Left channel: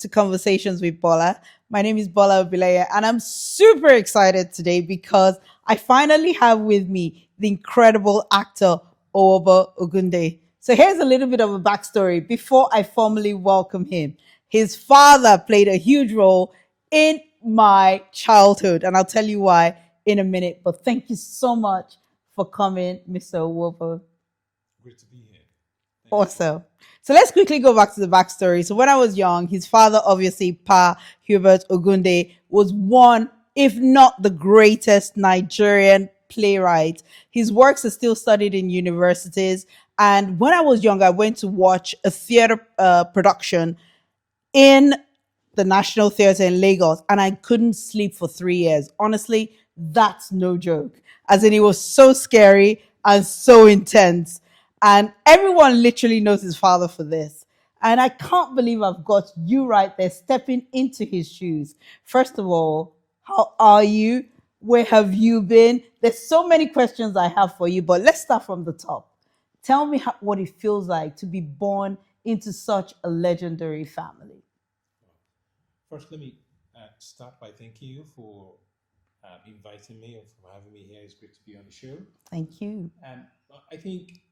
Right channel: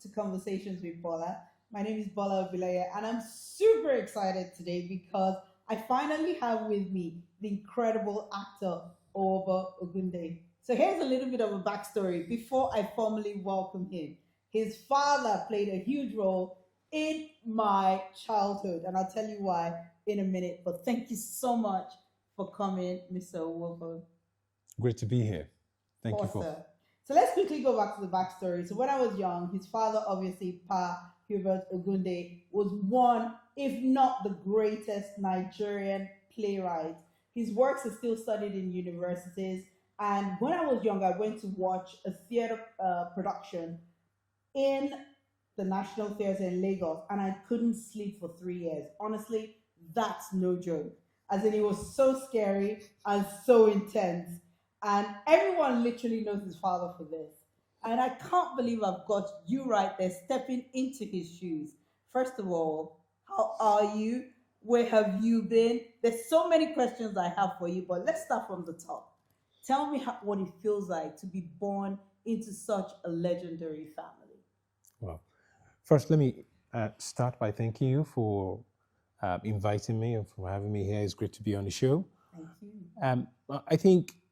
to Conversations with Bola. My name is Bola Obileye, and I'm super excited today because I finally have with me the incredible actor Owobo Ogunde. So here's a little bit of a backstory before I formally welcome him. His father played a huge role in my childhood, and I'll tell you why in a minute. But thank you so much for coming, Mr. Owobo. Great to be here. Thank you. Awesome. So let's quickly go back to the backstory. So when I was young, his father, obviously, Pa Hubert Ogunde, was one, if not the greatest Nigerian playwright. His works are still studied in universities. And when I was young, I went to watch a theater production in the National Theatre in Lagos, and I couldn't sleep for 3 years. Honestly, that's no joke. As in, it was so scary and so intense. And everyone literally knows his father for this. And I can't believe I've got you right there stepping into his shoes. First of all, how are you? Where have you been? There's so many questions I have for you, but let's start from the top. Tell me what it feels like to be born into such a legendary family. Well, first, let me start by thanking you for inviting me and for having me here. It's great to be on the show. Thank you. I think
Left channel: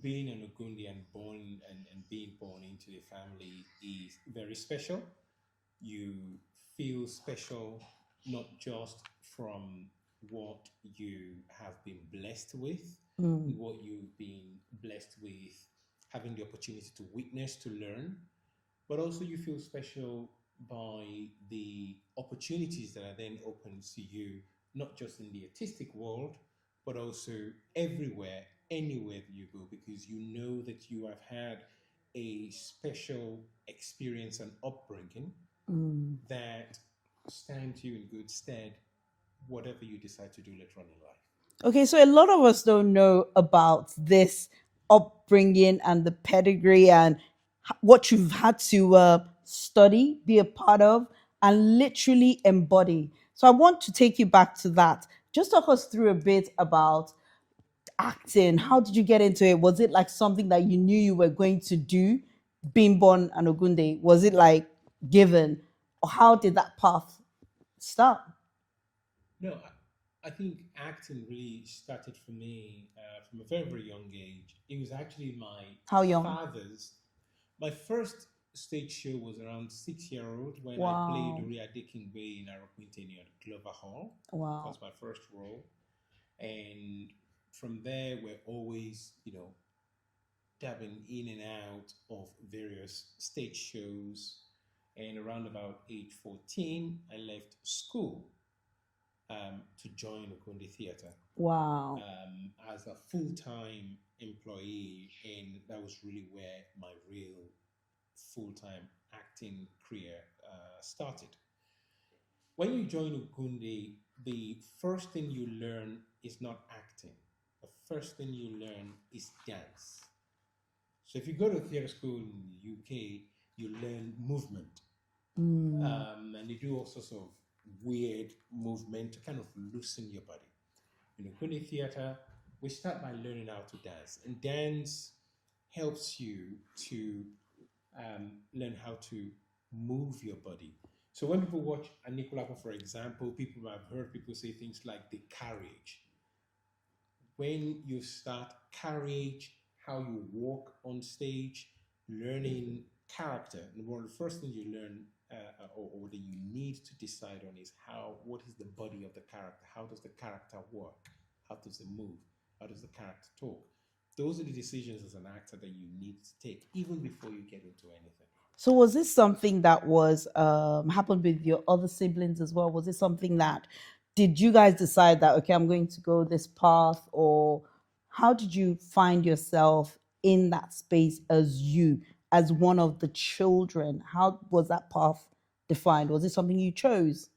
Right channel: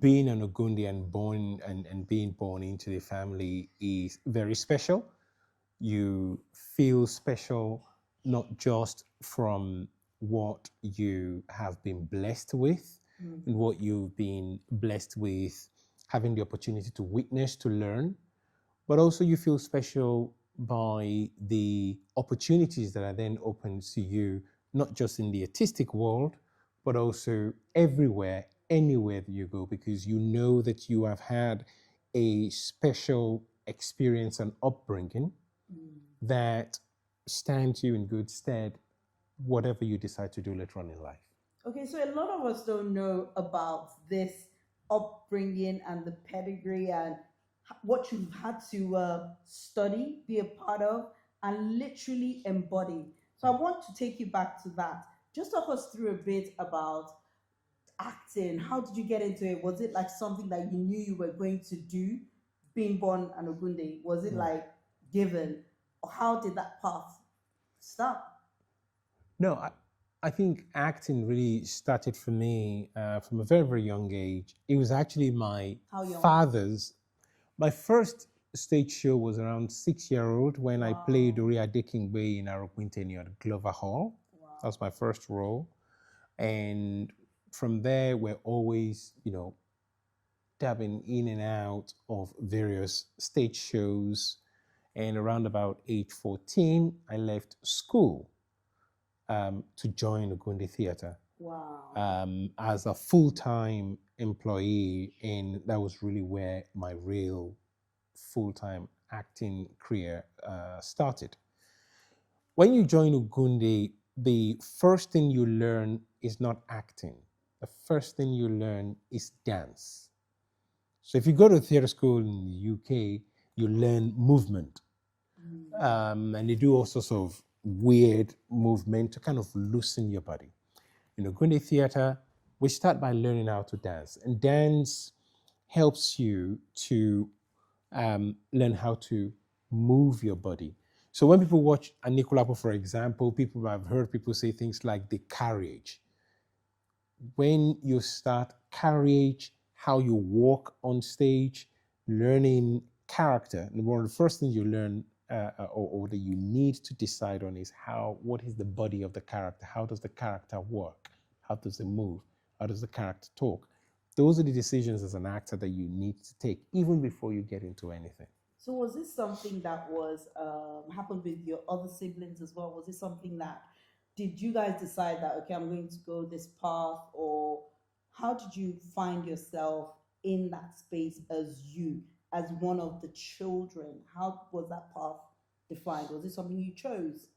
being an Ogundi and being born into the family is very special. You feel special not just from what you have been blessed with, and what you've been blessed with, having the opportunity to witness, to learn, but also you feel special by the opportunities that are then open to you, not just in the artistic world, but also everywhere, anywhere that you go, because you know that you have had a special experience and upbringing that stands you in good stead, whatever you decide to do later on in life. Okay, so a lot of us don't know about this upbringing and the pedigree and what you've had to study, be a part of, and literally embody. So I want to take you back to that. Just talk us through a bit about acting. How did you get into it? Was it like something that you knew you were going to do, being born an Ogunde? Was it like given? Or how did that path start? No, I think acting really started for me from a very, very young age. It was actually my How young? father's. My first stage show was around 6 year old when I played Wow. Ori Adekingbe in Aroquinteni at Glover Hall. Wow. That was my first role. And from there, we're always, dabbing in and out of various stage shows. And around about age 14, I left school to join Ogunde Theatre Wow. as a full-time employee, and that was really where my real full-time acting career started. When you join Ogunde, the first thing you learn is not acting. The first thing you learn is dance. So if you go to theatre school in the UK, you learn movement. And they do all sorts of weird movement to kind of loosen your body. In Ogunde Theatre, we start by learning how to dance. And dance helps you to learn how to move your body. So when people watch Anikulapo, for example, people have heard people say things like the carriage. When you start carriage, how you walk on stage, learning character, and one of the first things you learn or that you need to decide on is what is the body of the character? How does the character work? How does it move? How does the character talk? Those are the decisions as an actor that you need to take even before you get into anything. So was this something that was happened with your other siblings as well? Was it something that did you guys decide that okay, I'm going to go this path, or how did you find yourself in that space as one of the children? How was that path defined? Was it something you chose?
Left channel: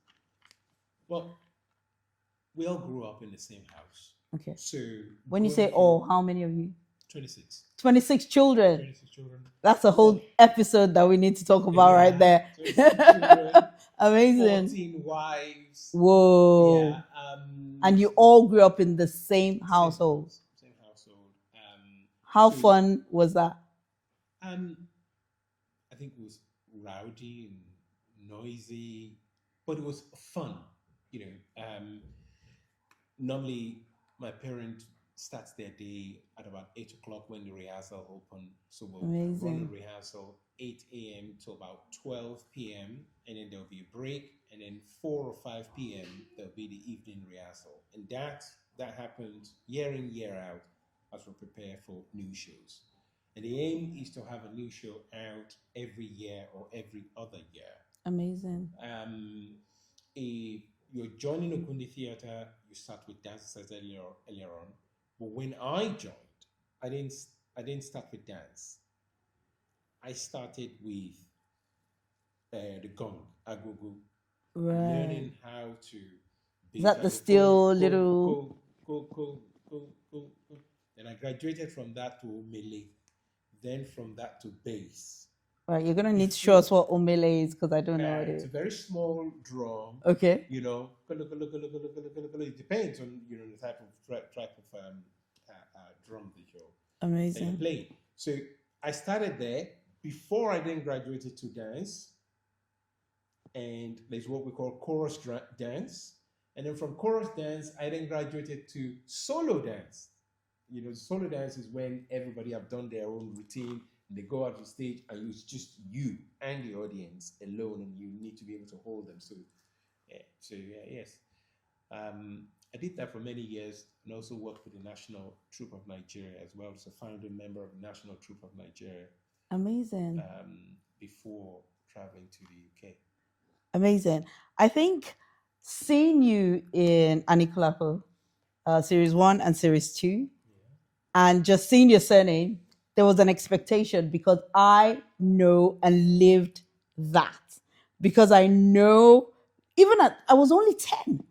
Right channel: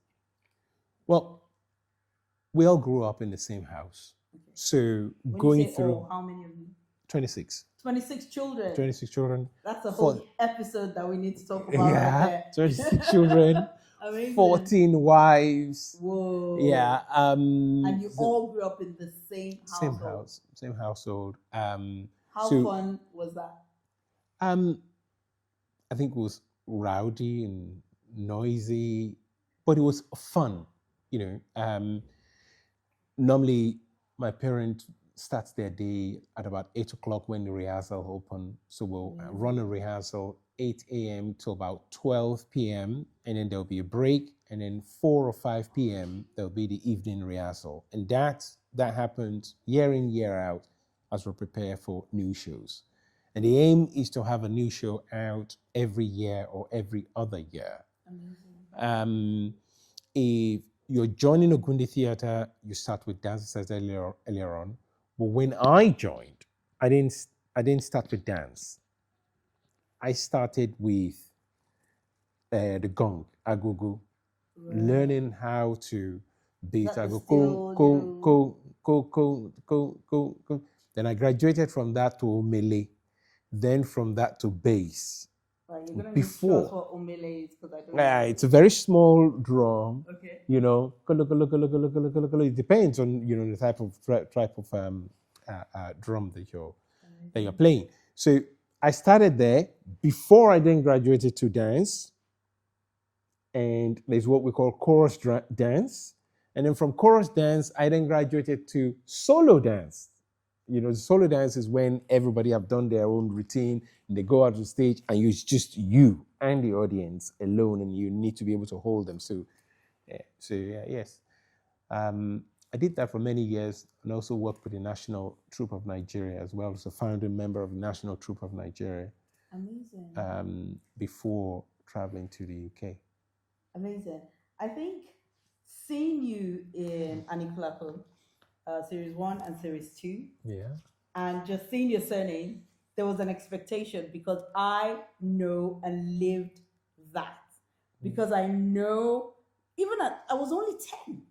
Well, we all grew up in the same house. Okay. So When you say how many of you? 26. 26 children. 26 children. That's a whole episode that we need to talk about right there. 26 children. Amazing. 14 wives. Whoa. Yeah. And you all grew up in the same household. Same household. How fun was that? I think it was rowdy and noisy, but it was fun. You know, normally my parent starts their day at about 8 o'clock when the rehearsal open. So we'll run a Amazing. rehearsal 8 a.m. to about 12 p.m. and then there'll be a break, and then 4 or 5 p.m. there'll be the evening rehearsal, and that happens year in year out as we prepare for new shows. And the aim is to have a new show out every year or every other year. Amazing. If you're joining Ogunde Theatre, you start with dance, as I said earlier on. But when I joined, I didn't start with dance. I started with the gong, agogo, Right. learning how to Is beat that the agogo, go, still go, little? go, go, go, go, go, go. Then I graduated from that to melee, then from that to bass. Right, you're gonna need to show us Before, what omele is because I don't know what it it's a is. very small drum, Okay. you know. It depends on the type of drum that you're Amazing. playing. So I started there before I then graduated to dance, and there's what we call chorus dance. And then from chorus dance, I then graduated to solo dance. Solo dance is when everybody have done their own routine and they go out on stage and it's just you and the audience alone, and you need to be able to hold them. Yes. I did that for many years, and also worked with the National Troupe of Nigeria as well as a founding member of the National Troupe of Nigeria Amazing. before traveling to the UK. Amazing. I think seeing you in Anikulapo, series one and series two, Yeah. and just seeing your surname, there was an expectation because I know and lived that. Because I know, I was only 10,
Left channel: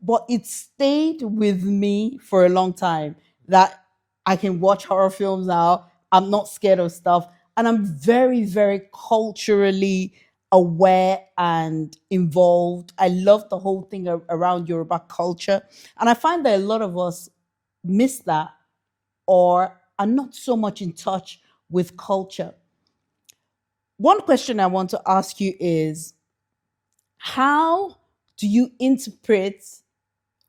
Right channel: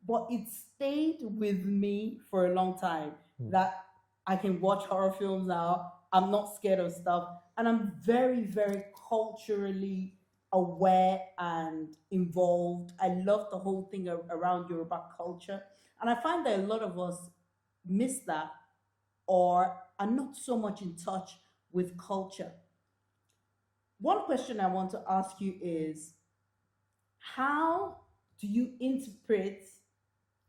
but it stayed with me for a long time that I can watch horror films now. I'm not scared of stuff. And I'm very, very culturally aware and involved. I love the whole thing around Yoruba culture. And I find that a lot of us miss that or are not so much in touch with culture. One question I want to ask you is how do you interpret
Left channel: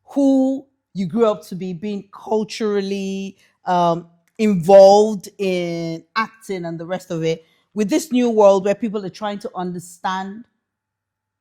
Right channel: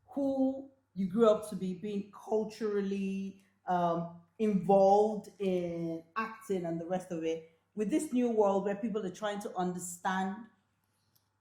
who you grew up to be, being culturally involved in acting and the rest of it, with this new world where people are trying to understand?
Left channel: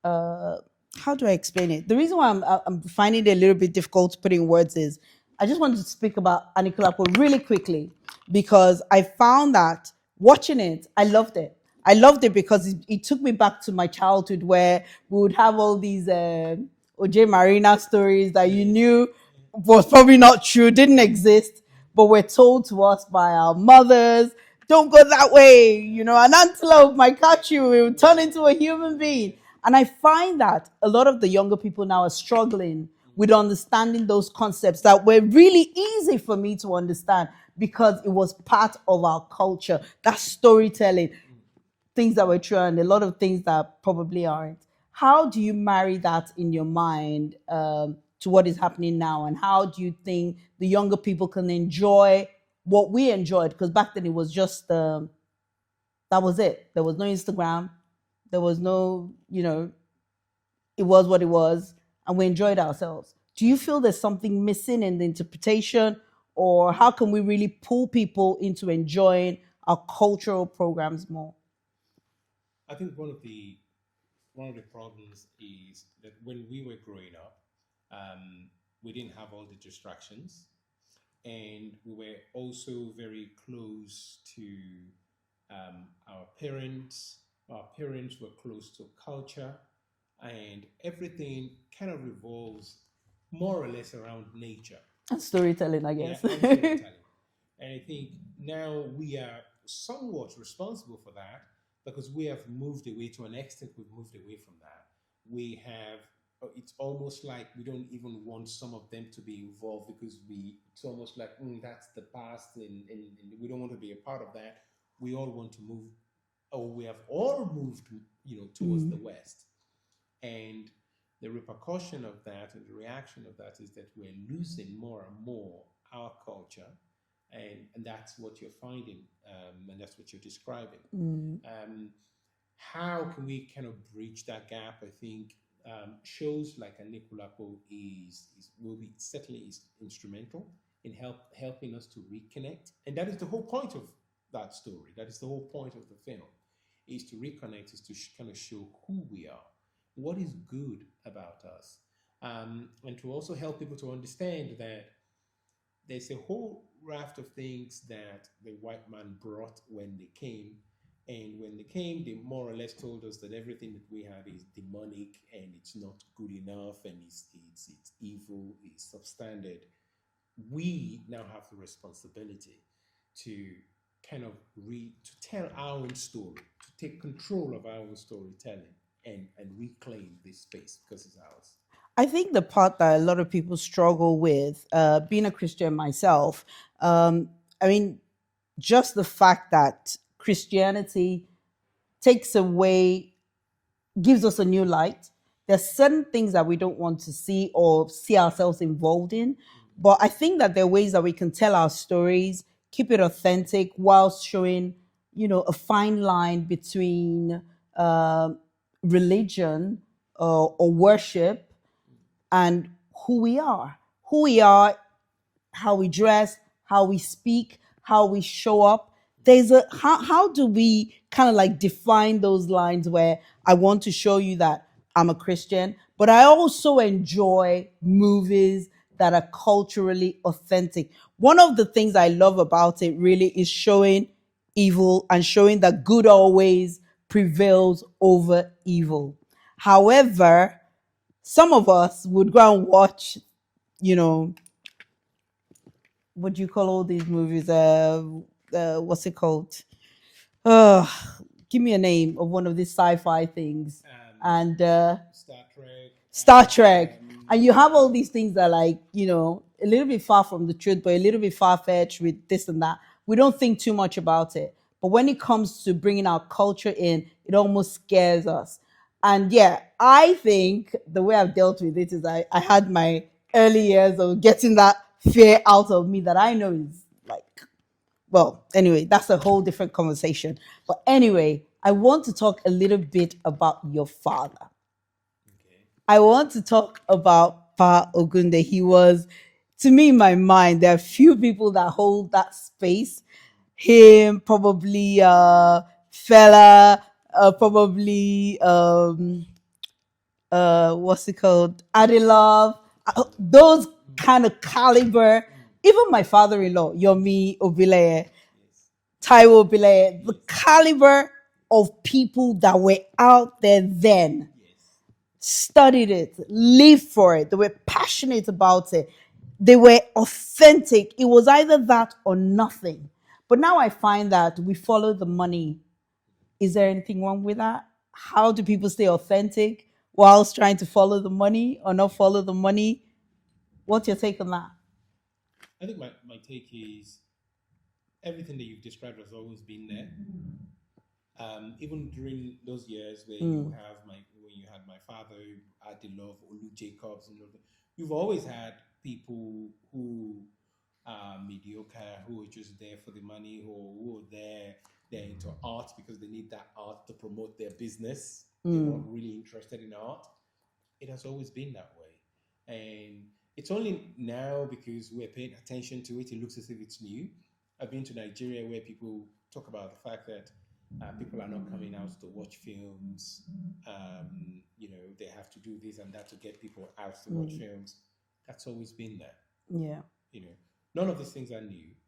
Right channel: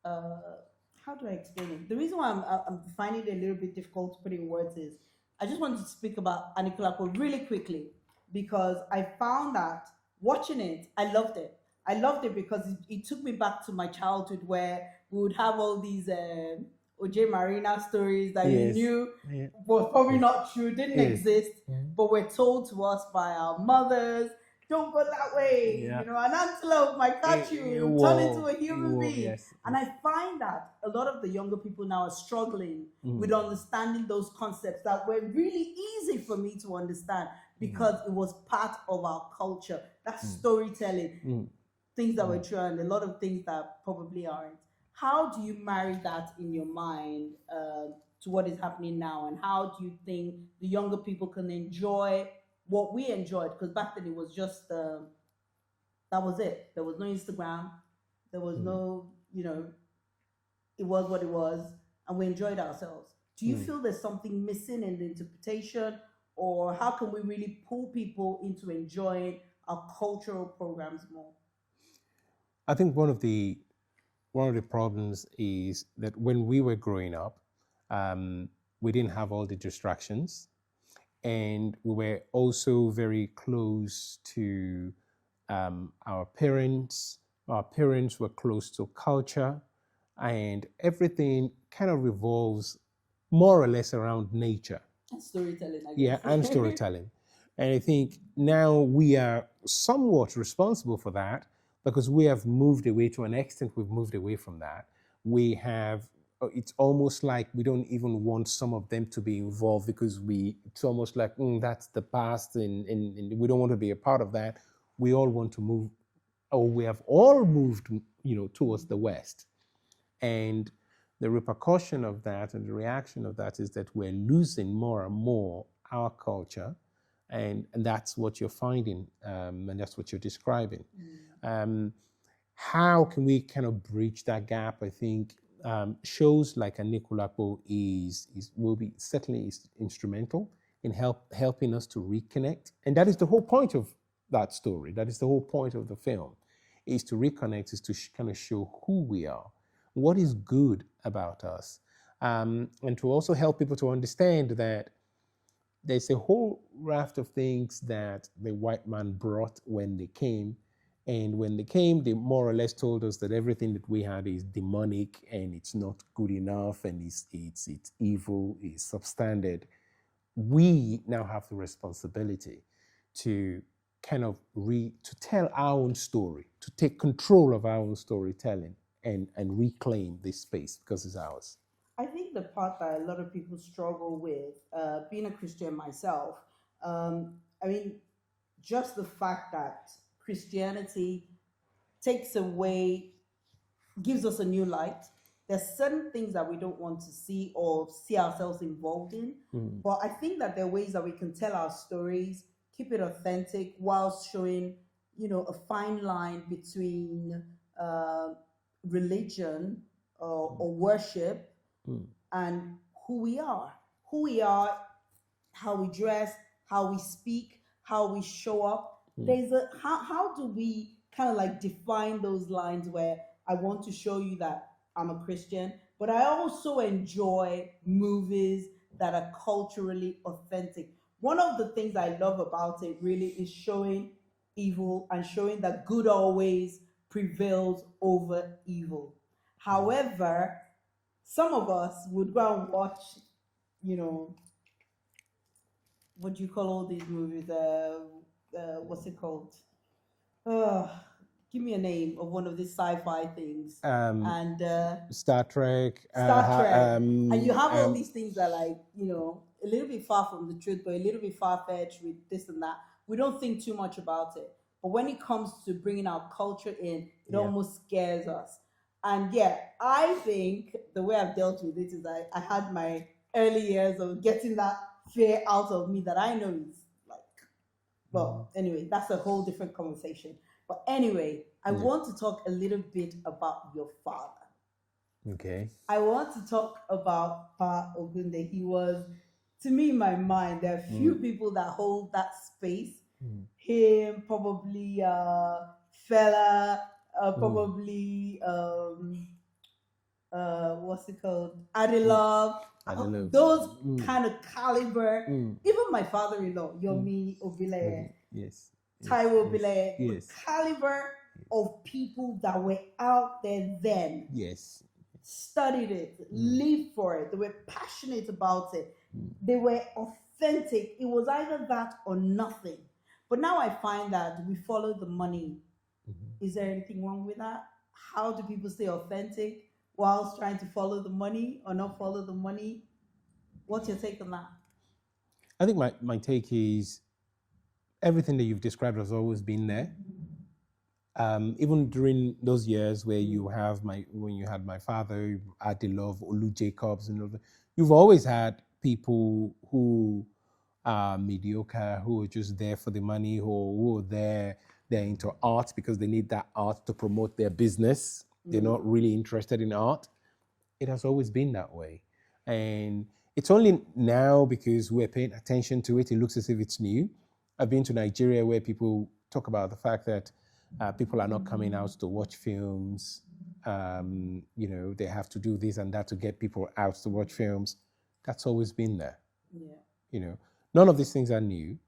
Uh, how do I explain it? The reason why I'm finding it a little bit difficult to put in words is I just wanted to speak about Anikulapo really quickly because I found that watching it, I loved it. I loved it because it took me back to my childhood where we would have all these OJ Marina stories that you Yes. knew Yeah. was probably not true, didn't Yes. exist, but were told to us by our mothers. Don't go that way. Yeah. An antelope might catch you. It will turn into Whoa. a human Whoa. being. Yes. And I find that a lot of the younger people now are struggling with understanding those concepts that were really easy for me to understand because it was part of our culture. That storytelling, things that were true and a lot of things that probably aren't. How do you marry that in your mind to what is happening now? And how do you think the younger people can enjoy what we enjoyed? Because back then it was just, that was it. There was no Instagram. There was no, it was what it was. And we enjoyed ourselves. Do you feel there's something missing in the interpretation? Or how can we really pull people into enjoying our cultural programs more? I think one of the problems is that when we were growing up, we didn't have all the distractions, and we were also very close to our parents. Our parents were close to culture, and everything kind of revolves more or less around nature. And storytelling, I Yeah, guess. and storytelling. And I think now we are somewhat responsible for that because we have moved away to an extent, we've moved away from that. We have, it's almost like we don't even want some of them to be involved because it's almost like, that's the past and we don't want to be a part of that. We all want to move, or we have all moved, towards the West. And the repercussion of that and the reaction of that is that we're losing more and more our culture. And that's what you're finding, and that's what you're describing. Um, how can we kind of bridge that gap? I think shows like Anikulapo is will be certainly is instrumental in helping us to reconnect, and that is the whole point of that story. That is the whole point of the film, is to reconnect, is to kind of show who we are, what is good about us, and to also help people to understand that there's a whole raft of things that the white man brought when they came. And when they came, they more or less told us that everything that we had is demonic and it's not good enough and it's evil, it's substandard. We now have the responsibility to kind of to tell our own story, to take control of our own storytelling and reclaim this space because it's ours. I think the part that a lot of people struggle with, being a Christian myself, I mean, just the fact that Christianity takes away, gives us a new light. There's certain things that we don't want to see or see ourselves involved in. But I think that there are ways that we can tell our stories, keep it authentic, whilst showing, a fine line between uh, religion or worship and who we are. Who we are, how we dress, how we speak, how we show up. There's a how do we kind of like define those lines where I want to show you that I'm a Christian, but I also enjoy movies that are culturally authentic. One of the things I love about it really is showing evil and showing that good always prevails over evil. However, some of us would go and watch, you know, what do you call all these movies? What's it called? Uh, Give me a name of one of these sci-fi things. And Star Trek. Star Trek. And you have all these things that are like, a little bit far from the truth, but a little bit far-fetched with this and that. We don't think too much about it. But when it comes to bringing our culture in, it almost scares us. And yeah, I think the way I've dealt with it is I had my early years of getting that fear out of me that I know is like, well, anyway, that's a whole different conversation. But anyway, I want to talk a little bit about your father. Okay. I want to talk about Pa Ogunde. He was, to me, in my mind, there are few people that hold that space. Him, probably Fella, probably what's it called? Adelove. Those kind of caliber. Even my father-in-law, Yomi Obile, Yes. Taiwo Obile, the Yes. caliber of people that were out there then, Yes. studied it, lived for it. They were passionate about it. They were authentic. It was either that or nothing. But now I find that we follow the money. Is there anything wrong with that? How do people stay authentic whilst trying to follow the money or not follow the money? What's your take on that? I think my take is everything that you've described has always been there. Even during those years where when you had my father, Adelove, Olu Jacobs, and all that, you've always had people who are mediocre, who are just there for the money, who are they're into art because they need that art to promote their business. They're not really interested in art. It has always been that way. And it's only now because we're paying attention to it, it looks as if it's new. I've been to Nigeria where people talk about the fact that people are not coming out to watch films. They have to do this and that to get people out to watch films. That's always been there. Yeah. None of these things are new.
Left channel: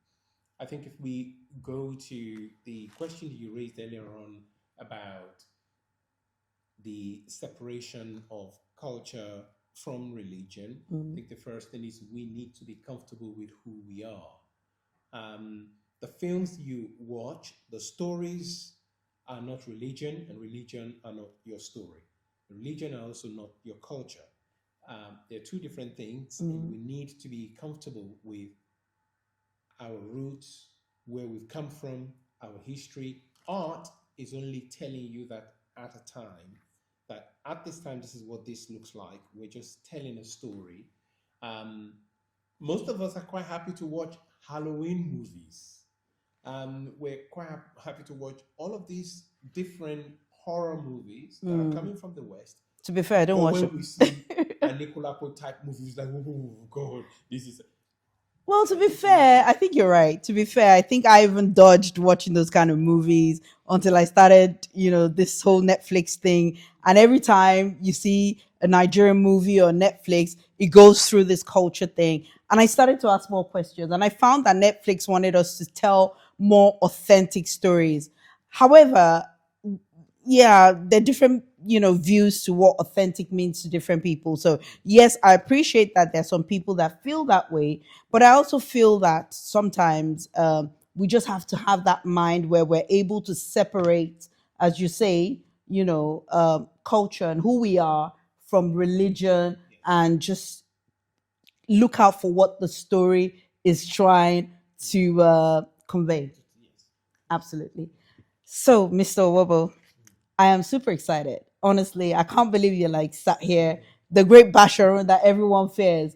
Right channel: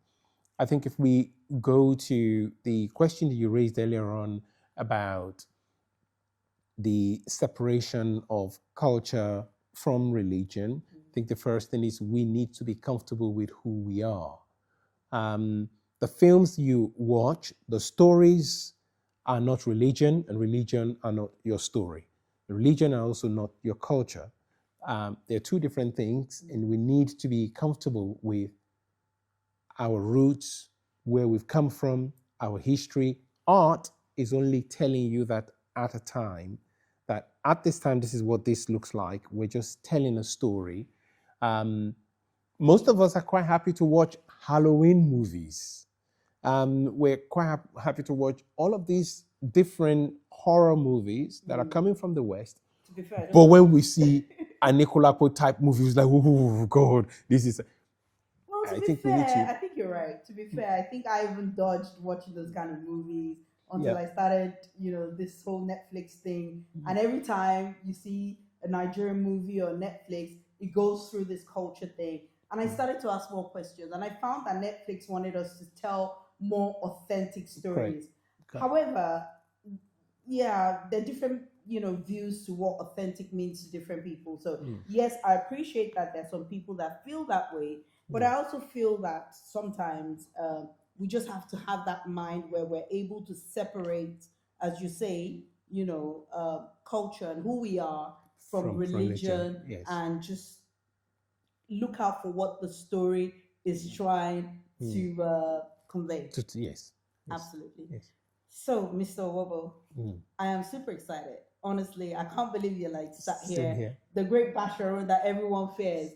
I think if we go to the question that you raised earlier on about the separation of culture from religion, I think the first thing is we need to be comfortable with who we are. The films you watch, the stories are not religion, and religion are not your story. Religion are also not your culture. They're two different things, and we need to be comfortable with our roots, where we've come from, our history. Art is only telling you that at a time, that at this time, this is what this looks like. We're just telling a story. Most of us are quite happy to watch Halloween movies. We're quite happy to watch all of these different horror movies that are coming from the West. To be fair, I don't But watch when them. we see a Nicolapo type movie, it's like, oh God, this is. Well, to I be think we need fair, to. I think you're right. To be fair, I think I even dodged watching those kind of movies until Yeah. I started, this whole Netflix thing. And every time you see a Nigerian movie or Netflix, it goes through this culture thing. And I started to ask more questions. And I found that Netflix wanted us to tell more authentic Right. stories. However, yeah, there are different, views to what authentic means to different people. So yes, I appreciate that there's some people that feel that way, but I also feel that sometimes we just have to have that mind where we're able to separate, as you say, culture and who we are from From religion. religion, Yes. and just look out for what the story is trying to convey. Yes. Absolutely. Yes. So, Mr. Owobo, Mm. I am super excited. Honestly, I can't believe you're like sat Same here, here. the great Bashorun that everyone fears.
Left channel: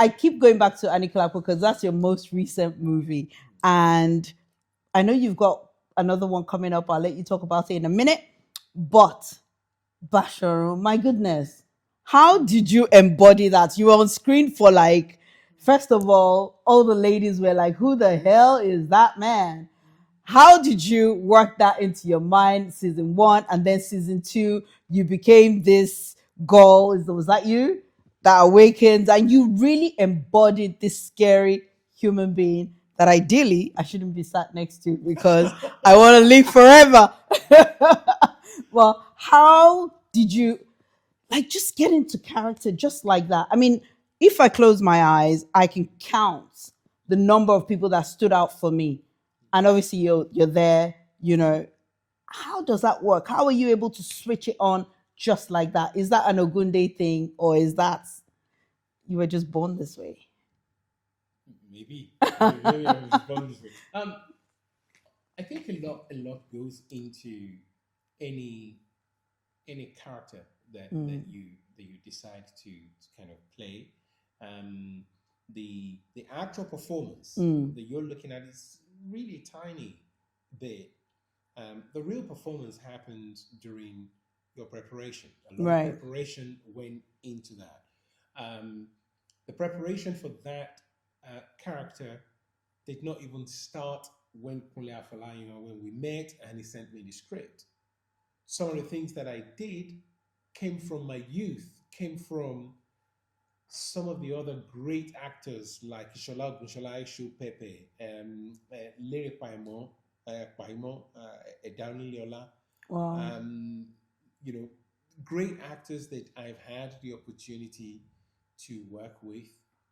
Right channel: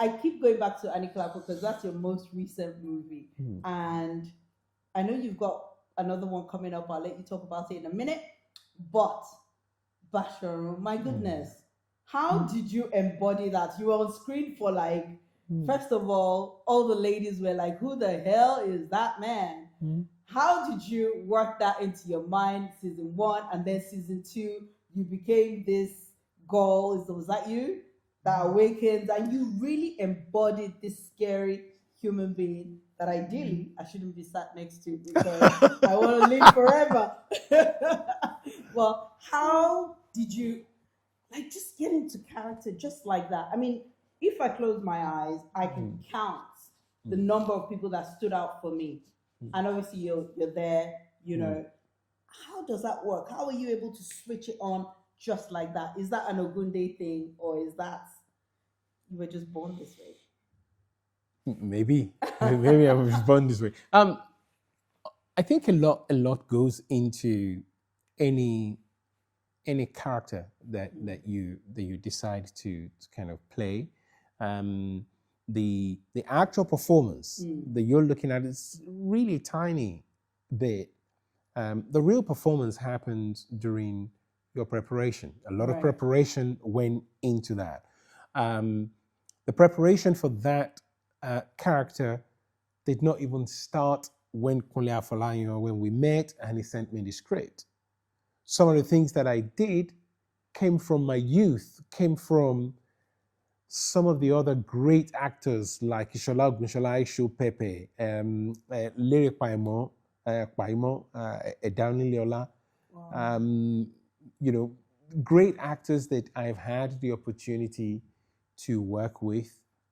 I keep going back to Anikulapo because that's your most recent movie. And I know you've got another one coming up. I'll let you talk about it in a minute. But Bashorun, my goodness, how did you embody that? You were on screen for like, first of all the ladies were like, who the hell is that man? How did you work that into your mind, season one, and then season two, you became this girl? Was that you? That awakens, and you really embodied this scary human being that ideally I shouldn't be sat next to because I want to live forever. Well, how did you like just get into character just like that? I mean, if I close my eyes, I can count the number of people that stood out for me. And obviously you're there, How does that work? How are you able to switch it on just like that? Is that an Ogunde thing, or is that you were just born this way? Maybe I was born this way. I think a lot goes into any character that you decide to kind of play. The actual performance that you're looking at is really tiny bit. The real performance happens during your preparation. A lot of Right. preparation went into that. The preparation for that character did not even start when Kunle Afolayan, when we met and he sent me the script. Some of the things that I did came from my youth, came from some of the other great actors like Ishola Ogunshola, Aisho Pepe, Lere Paimo, Edauni Leola, Wow. Great actors that I've had the opportunity to work with,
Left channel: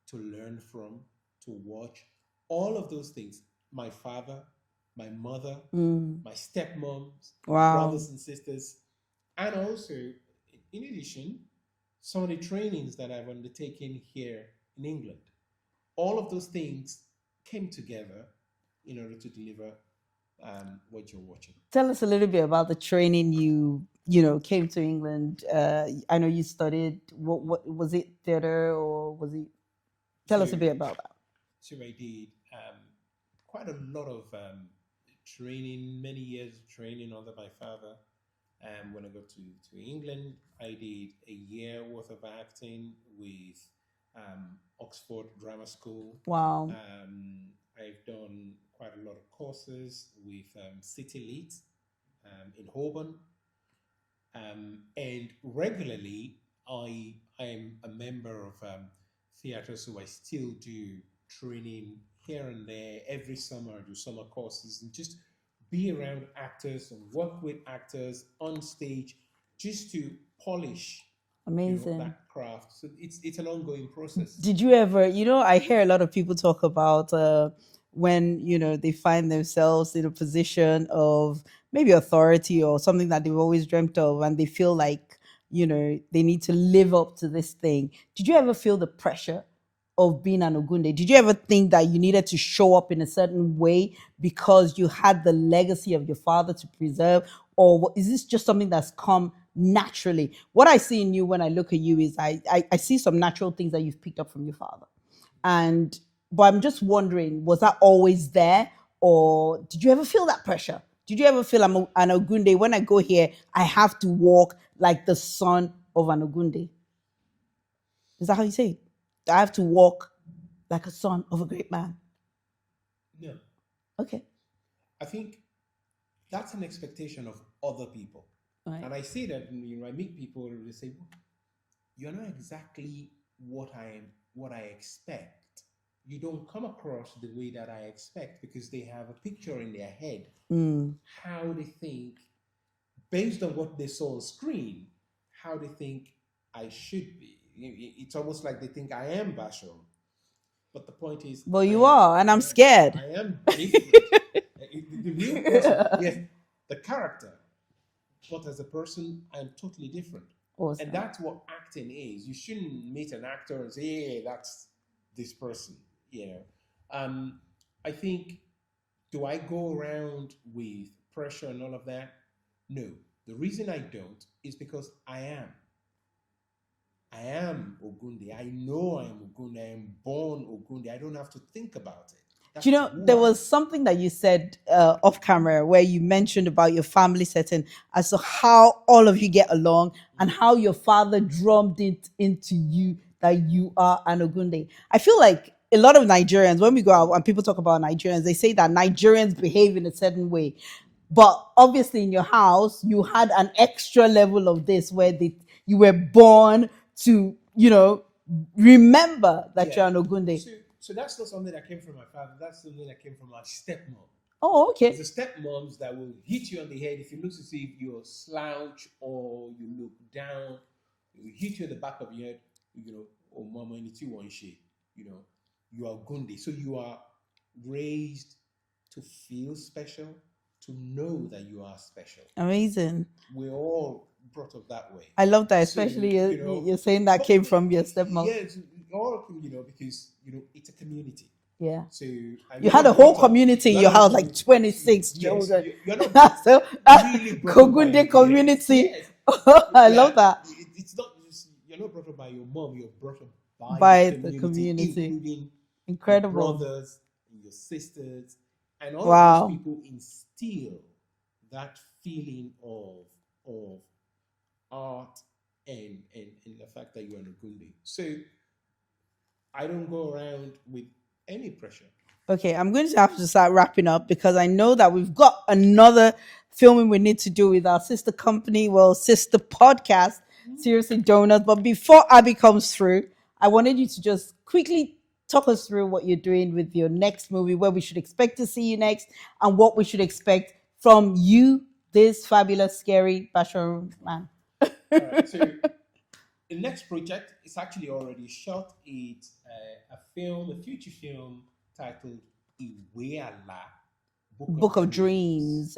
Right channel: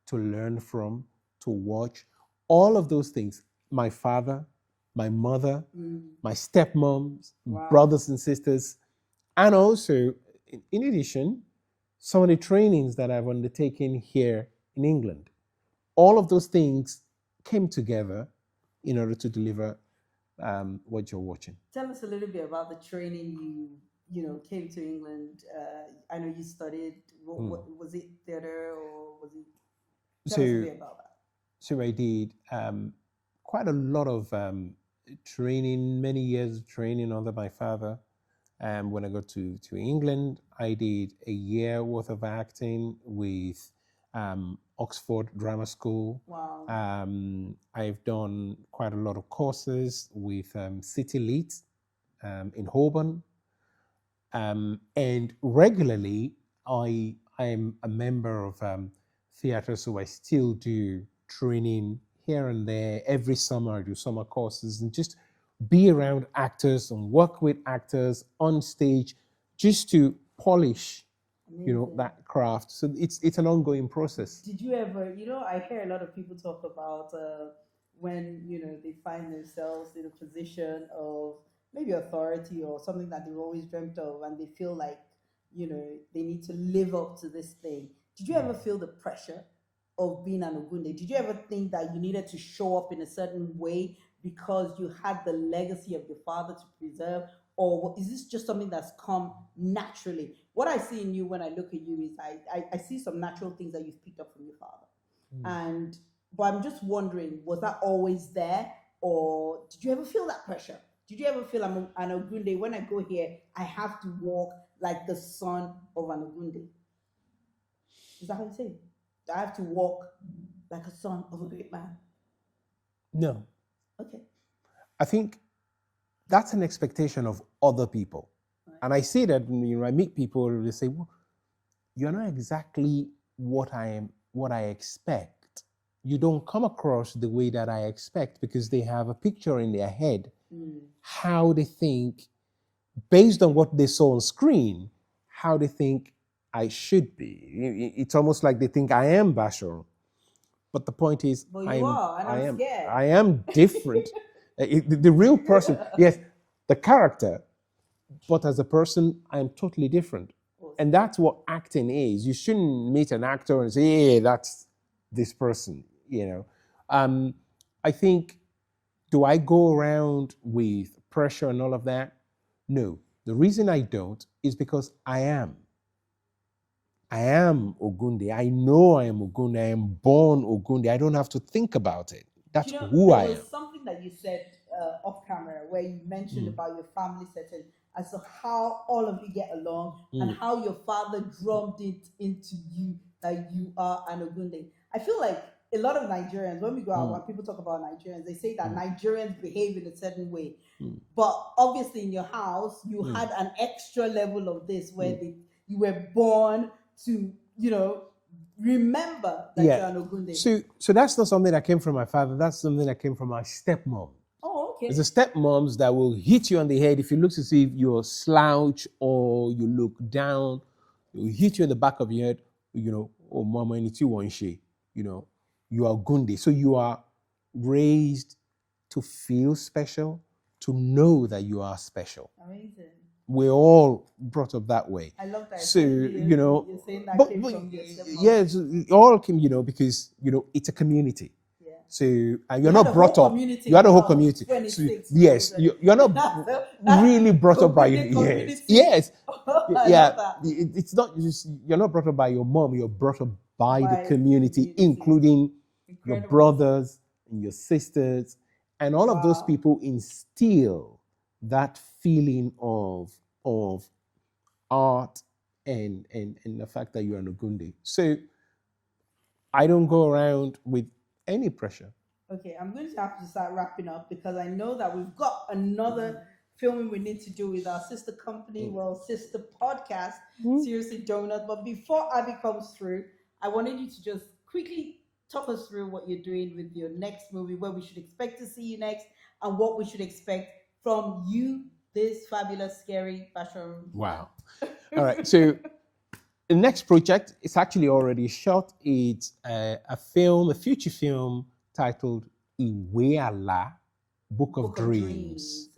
to learn from, to watch. All of those things. My father, my mother, my stepmoms, Wow. brothers and sisters, and also, in addition, some of the trainings that I've undertaken here in England. All of those things came together in order to deliver what you're watching. Tell us a little bit about the training you came to England. I know you studied. What was it, theater, or was it? Tell us a bit about that. So I did quite a lot of training, many years of training under my father. When I got to England, I did a year worth of acting with Oxford Drama School. Wow. I've done quite a lot of courses with City Lit in Holborn. And regularly, I am a member of theatre, so I still do training here and there. Every summer, I do summer courses and just be around actors and work with actors on stage just to polish Amazing. that craft. So it's an ongoing process. Did you ever, I hear a lot of people talk about when, they find themselves in a position of maybe authority or something that they've always dreamt of, and they feel like, they need to live up to this thing. Did you ever feel the pressure of being an Ogunde? Did you ever think that you needed to show up in a certain way because you had the legacy of your father to preserve? Or is this just something that's come naturally? What I see in you when I look at you is I see some natural things that you've picked up from your father. But I'm just wondering, was that always there? Or did you ever feel that pressure Did you ever feel I'm an Ogunde? When I go here, I have to walk like the son of an Ogunde. Is that how you say it? I have to walk like a son of a great man. No, Okay. I think that's an expectation of other people. Right. And I see that I meet people, they say, well, you're not exactly what I expect. You don't come across the way that I expect because they have a picture in their head, how they think, based on what they saw on screen, how they think I should be. It's almost like they think I am Bashorun. But the point is, Well, you are, and I'm scared. I am different. The real person, yes, the character, but as a person, I'm totally different. Awesome. And that's what acting is. You shouldn't meet an actor and say, "Hey, that's this person." I think, do I go around with pressure and all of that? No. The reason I don't is because I am. I am Ogunde. I know I am Ogunde. I am born Ogunde. I don't have to think about it. That's who there I was am. something that you said off camera where you mentioned about your family setting as to how all of you get along and how your father drummed it into you that you are an Ogunde. I feel like a lot of Nigerians, when we go out and people talk about Nigerians, they say that Nigerians behave in a certain way. But obviously in your house, you had an extra level of this where you were born to, remember that you're an Ogunde. So that's not something that came from my father. That's something that came from my stepmom. Oh, okay. There's the stepmoms that will hit you on the head if you look to see if you're slouch or you look down. Will hit you in the back of your head. Oh, mama, it's you one she. You are Gunde. So you are raised to feel special, to know that you are special. Amazing. We're all brought up that way. I love that, especially you're saying that came from your stepmom. Yes, it all came, because it's a community. Yeah. So you had a whole community in your house, like 26 yes, children. You're not so, really brought up by your community. Yes. I love that. It's not just you're not brought up by your mom. You're brought up by the community, including your brothers and your sisters, and all of those people instill that feeling of art and the fact that you're an Ogunde. So I don't go around with any pressure. Okay, I'm going to have to start wrapping up because I know that we've got another filming we need to do with our sister company, sister podcast, Seriously Donuts. But before Abby comes through, I wanted you to just quickly talk us through what you're doing with your next movie, where we should expect to see you next, and what we should expect from you, this fabulous, scary Bashorun. Wow. All right, so the next project is actually already shot. It's a future film titled Iwe Ala, Book of Dreams.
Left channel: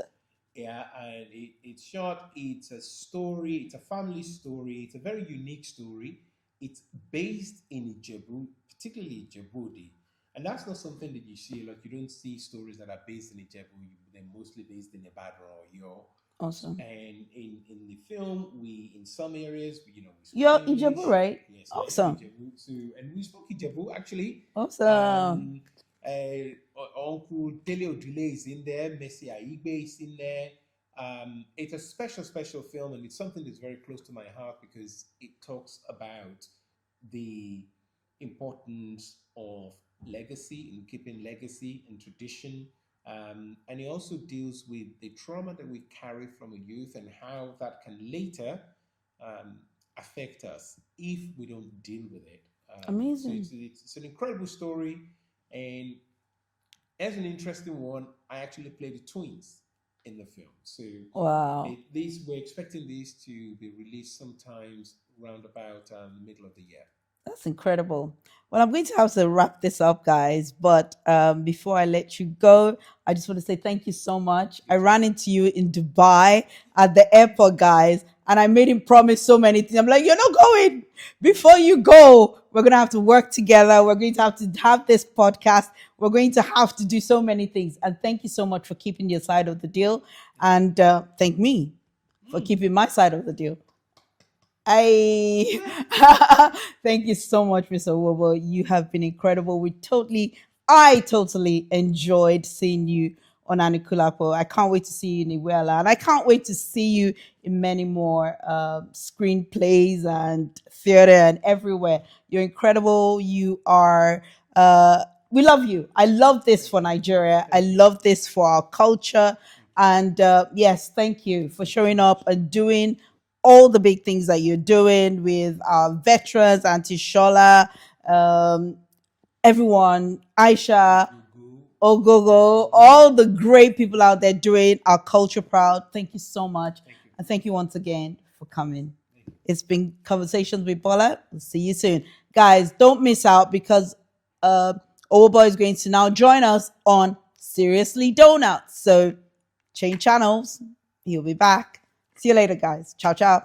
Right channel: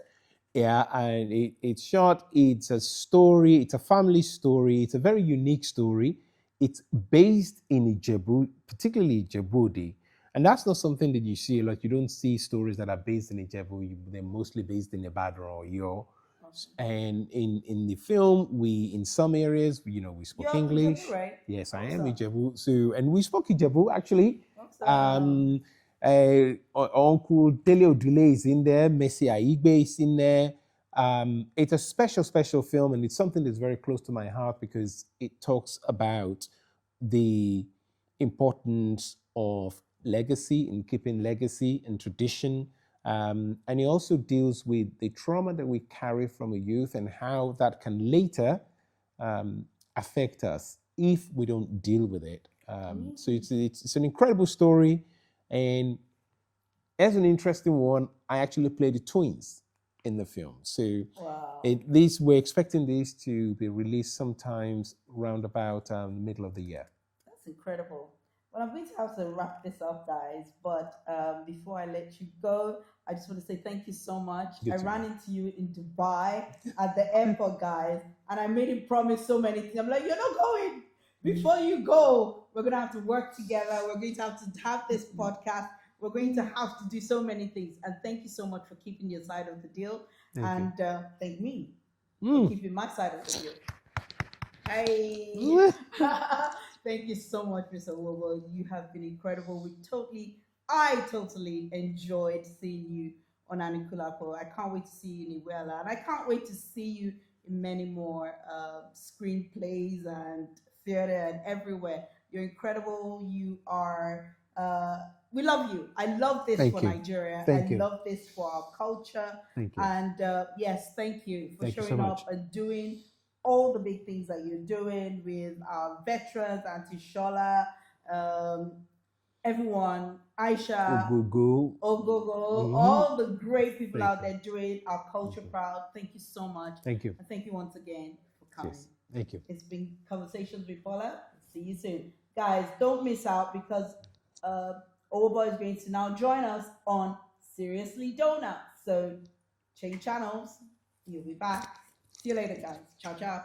Yeah, and it's short. It's a story. It's a family story. It's a very unique story. It's based in Ijebu, particularly Ijebu. And that's not something that you see. Like, you don't see stories that are based in Ijebu. They're mostly based in Ibadan or Yo. Awesome. And in the film, in some areas, we spoke English. You're Ijebu, right? Yes, awesome. I am Ijebu. So, and we spoke Ijebu, actually. Awesome. Uncle Dele Odile is in there. Messi Aigbe is in there. It's a special film, and it's something that's very close to my heart because it talks about the importance of legacy and keeping legacy and tradition. And it also deals with the trauma that we carry from a youth and how that can later affect us if we don't deal with it. Amazing. So it's an incredible story. And as an interesting one, I actually played the twins in the film. So wow. We're expecting this to be released sometimes around about the middle of the year. That's incredible. Well, I'm going to have to wrap this up, guys. But before I let you go, I just want to say thank you so much. I ran into you in Dubai at the airport, guys, and I made him promise so many things. I'm like, you're not going. Before you go, we're going to have to work together. We're going to have this podcast. We're going to have to do so many things. And thank you so much for keeping your side of the deal. And thank me for keeping my side of the deal. Thank you so much, Mr. Owobo. You have been incredible. I totally enjoyed seeing you on Anikulapo. I can't wait to see you in Iwela. And I can't wait to see you in many more screenplays and theater and everywhere. You're incredible. You are, we love you. I love this Thank for you. Nigeria. I Thank you. love this for our culture. Thank you. And yes, thank you for Thank you so showing up much. and doing all the big things that you're doing with our veterans, Auntie Shola, everyone, Aisha, Ogogo. Ogogo, Mhm. all the great people Thank out there doing our culture proud. Thank you so much. Thank you. And thank you once again for coming. Yes. Thank you. It's been Conversations with Bola. We'll see you soon. Guys, don't miss out because Owobo is going to now join us on Seriously Donuts. So change channels. He'll be back. See you later, guys. Ciao, ciao.